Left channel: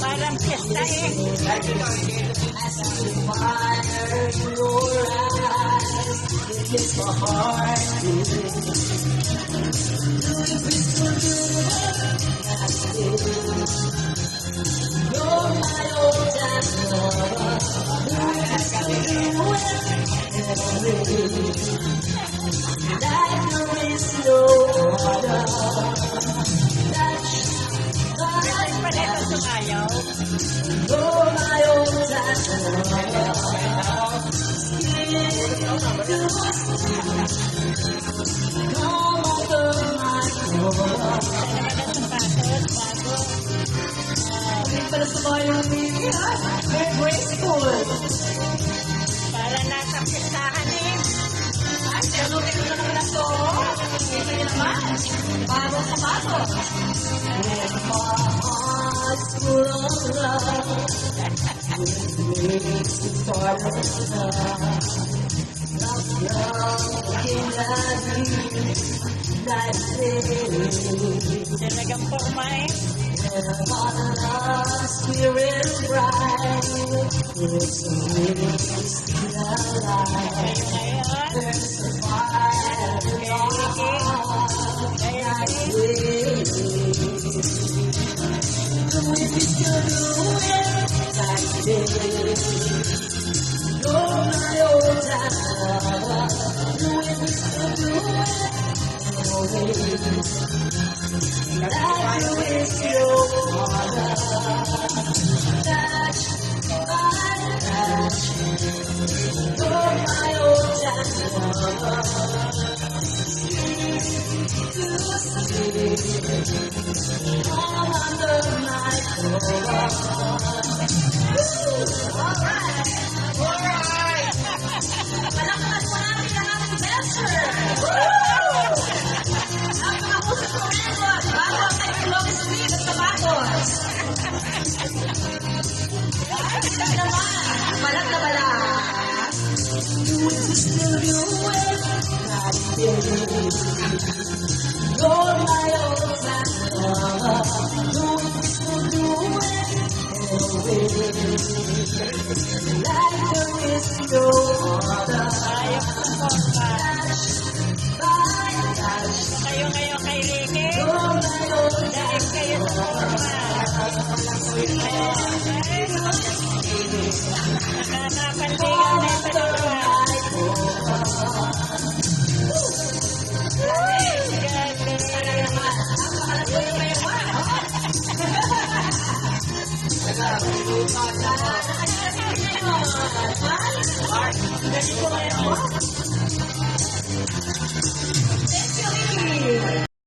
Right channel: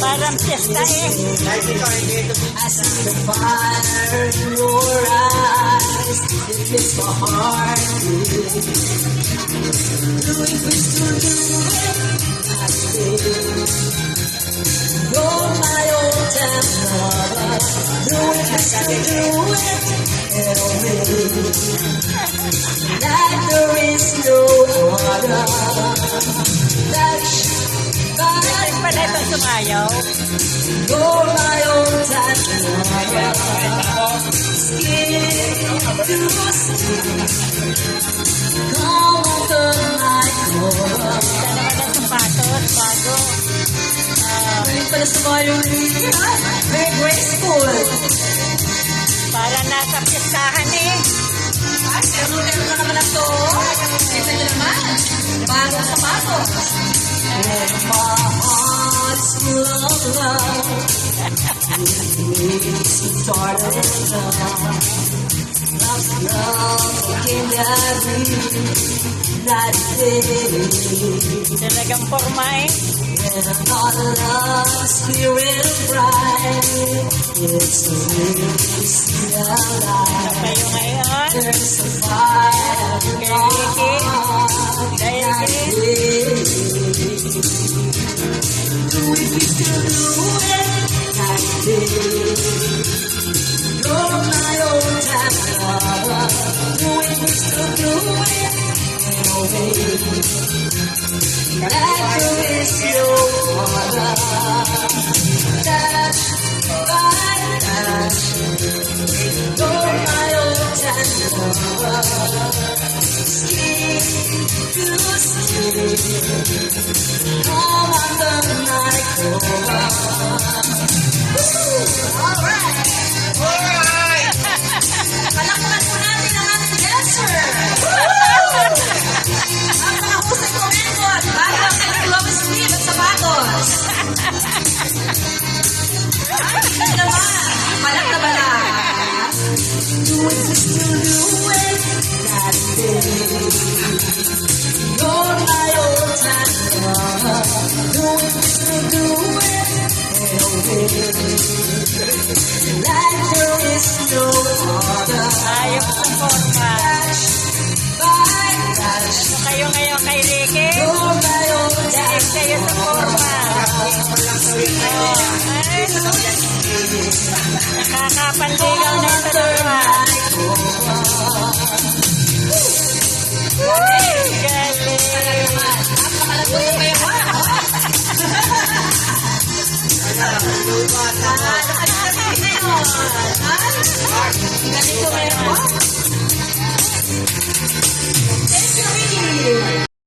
Parang piyesta eh. I see the fire in your eyes. It makes my heart beat. Do it, we still do it. Not today. You're my old time lover. Do it, we still do it. Like there is no other. Ay, pala ito sumayaw. You're my old time lover. Skin to skin. Come under my cover. Sapatos, bago. Galing pala sa mga very graceful. Para nasa pistahan eh. Pero meron na naman ito. Ito naman. Bagong sapatos. And my heart is full of love. It makes me start of love. Love again every night and day. Talagang forma eh. When our love spirit bright, it's a way alive. Kayo ngayon. There's a fire in our heart. Do it, we still do it. Night and day. You're my old time lover. Do it, we still do it. Oh, baby. Like there is no other. Touch by touch. You're my old time lover. Skin to skin. Come under my cover. Alright! Alright! Palakpakan po natin ang ating dancer! Ang nakahusay ko record bago ang kanyang love speed at sapatos. Ay, naman! Malak na balat. Do it, we still do it. That day. You're my old time lover. Do it, we still do it. Oh, baby. Like there is no other. Ayaw ang forma. Touch by touch. Kayo ngayon kay Ricky. You're my old Dahil time kayo sa forma. Nakakapanligaw na ito dalawa. Ganito ngayon.